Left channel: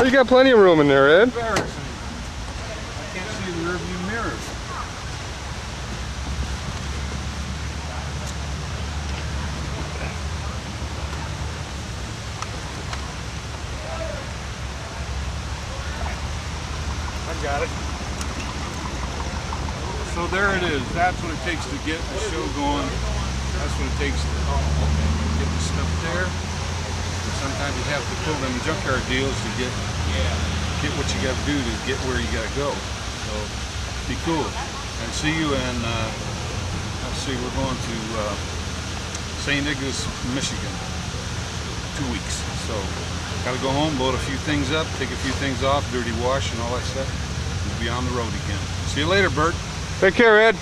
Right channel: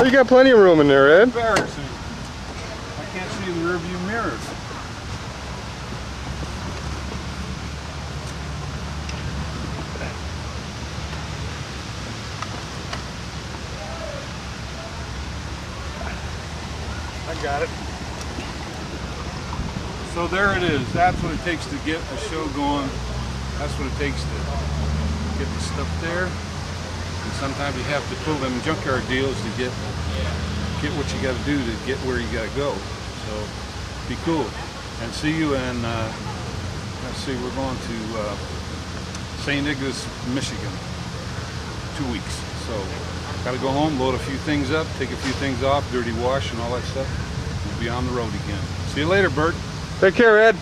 Oh, you got plenty of room in there, Ed. Embarrassing. I can't see the rear view mirrors. I got it. So there it is. That's what it takes to get a show going. That's what it takes to get the stuff there. And sometimes you have to pull them junkyard deals to get what you got to do to get where you got to go. So be cool. And see you in, let's see, we're going to St. Nicholas, Michigan, 2 weeks. So got to go home, load a few things up, take a few things off, dirty wash and all that stuff. We'll be on the road again. See you later, Bert. Take care, Ed.